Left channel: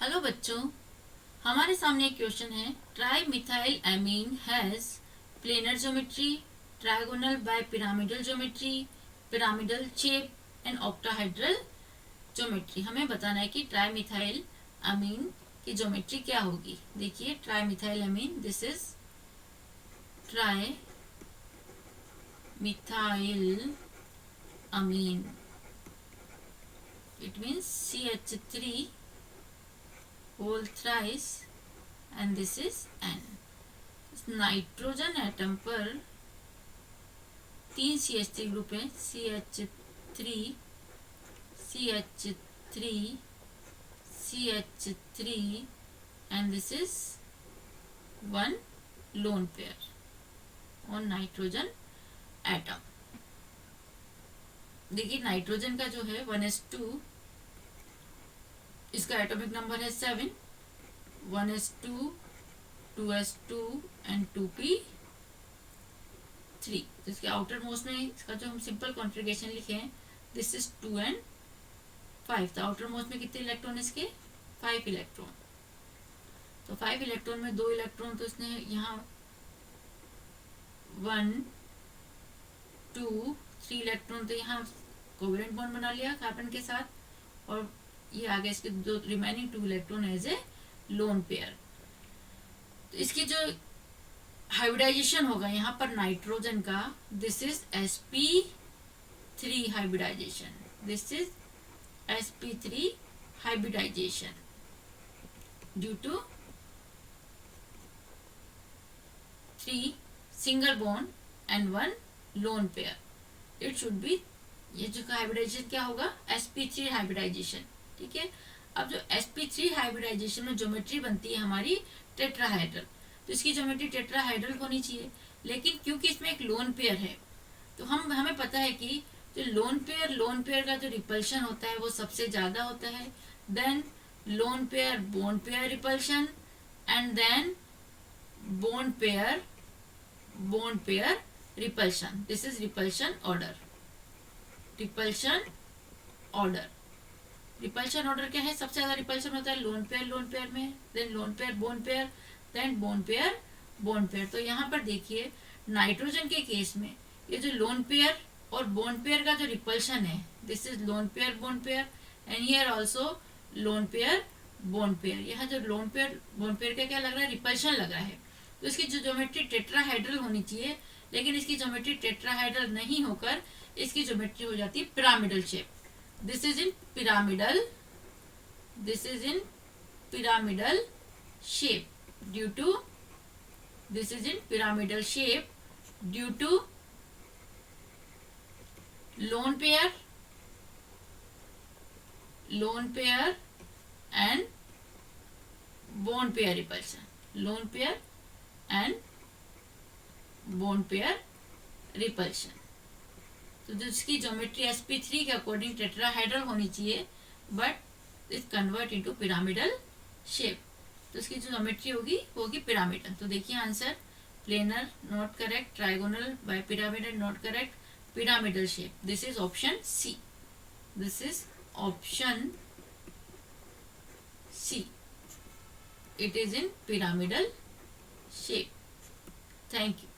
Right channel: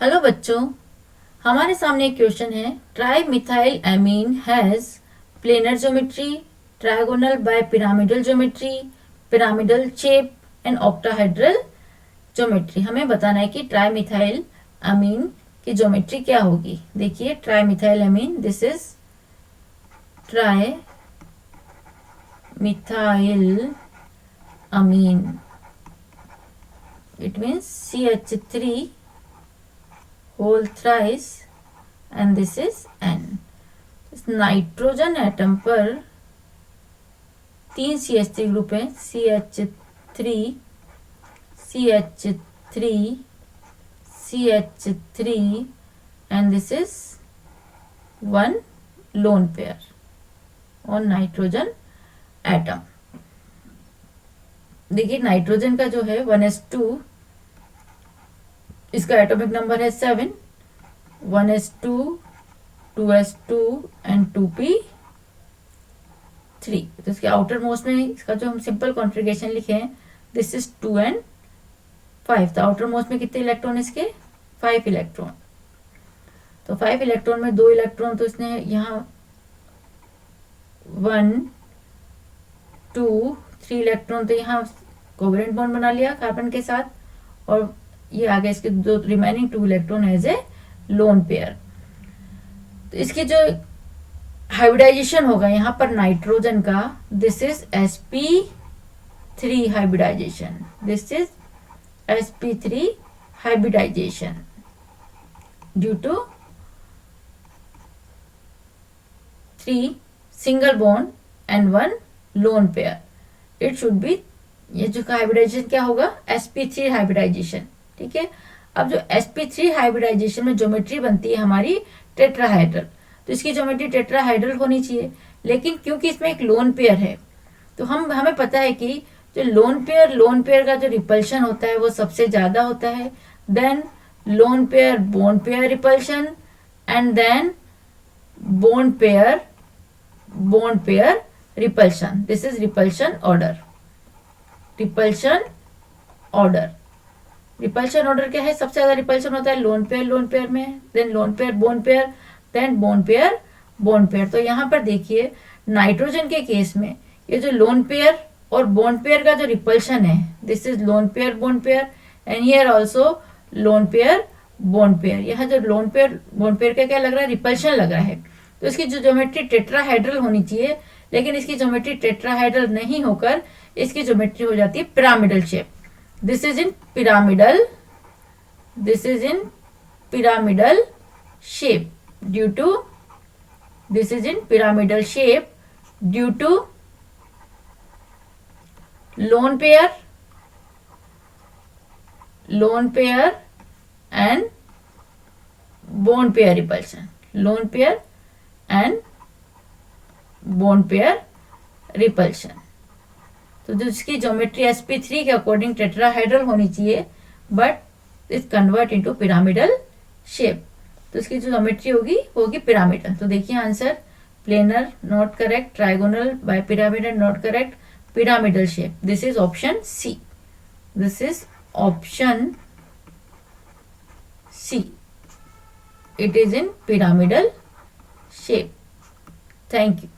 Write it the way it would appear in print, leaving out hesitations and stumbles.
Hello बच्चों, हमारे सामने एक क्वेश्चन है। Trimethylamine has planar geometry, trigonal bipyramidal geometry, pyramidal shape and octahedral geometry. हमें बताना है कि ट्राई मिथाइल एमीन की ज्योमेट्री क्या होगी। देखिए, trimethylamine, this is trimethylamine, it means CH3 whole thrice and this is N। Nitrogen atom पर 3 CH3 group है, CH3, CH3, CH3 and this is 1 lone pair on nitrogen atom. देखिए, nitrogen का जो है 1s2, इसका atomic number है 7, 1s2, 2s2 and 2p3। तो इसके आउटर मोस्ट में इसका जो हम सिंपल कॉन्फ़िगरेशन लिखे हैं, दिस इज 2 एंड 5। तो आउटर मोस्ट में कितने इलेक्ट्रॉन इसके? 5 इलेक्ट्रॉन। तो 5 इलेक्ट्रॉन में 2 इलेक्ट्रॉन तो इसने यहाँ 1, 2, 3 इलेक्ट्रॉन तो यहाँ कोवेलेंट बॉन्ड बना लिया कार्बन के साथ, और ये आगे इसके दो remaining 2 electron as a lone pair. तो इसकी जो हाइब्रिडाइजेशन होगा यहाँ पर नाइट्रोजन का, this is sp3 hybridization, this is sp3 hybridization due to 3 single bond and 1 lone pair. It should be, ये जो हाइब्रिडाइजेशन क्या होगा? sp3 hybridisation. ठीक है। अब जो sp3 हाइब्रिडाइजेशन में ज्योमेट्री बनती है हमारी टेट्राहाइड्रल, तो इसकी ज्योमेट्री टेट्राहाइड्रल होनी चाहिए। लेकिन क्योंकि इसमें एक लोन पेयर है, तो हमें पता है कि जो लोन पेयर का जो रिपल्शन होता है वो सबसे ज्यादा होता है। Then lone pair bond pair repulsion, and then bond pair repulsion. This is repulsion order. Repulsion order क्या है? सबसे ज्यादा रिपल्शन होता है लोन पेयर में, then lone pair bond pair, then bond pair. तो यहाँ पर देखिए, नाइट्रोजन के केस में ये जो लोन पेयर और बोन पेयर का जो रिपल्शन है, this is loan pair bond pair, and here also loan pair bond pair. यहाँ जो लोन पेयर बोन पेयर का क्या लग रहा है? रिपल्शन लग रहा है। तो इसकी जो ज्योमेट्री टेट्राहाइड्रल होनी चाहिए, लेकिन इसकी ज्योमेट्री टेट्राहाइड्रल नहीं होकर इसकी ज्योमेट्री हो जाती है pyramidal shape. This is in pyramidal shape due to lone pair and bond pair repulsion. Lone pair and bond pair repulsion. तो जिसकी ज्योमेट्री sp3 के अकॉर्डिंग टेट्राहाइड्रल होनी चाहिए, but is convert into pyramidal shape. तो इसकी जो geometry होगी pyramidal. तो देखिए answer, planar not correct, trigonal bipyramidal not correct, pyramidal shape. This is option c. It is in pyramidal shape. Thank you.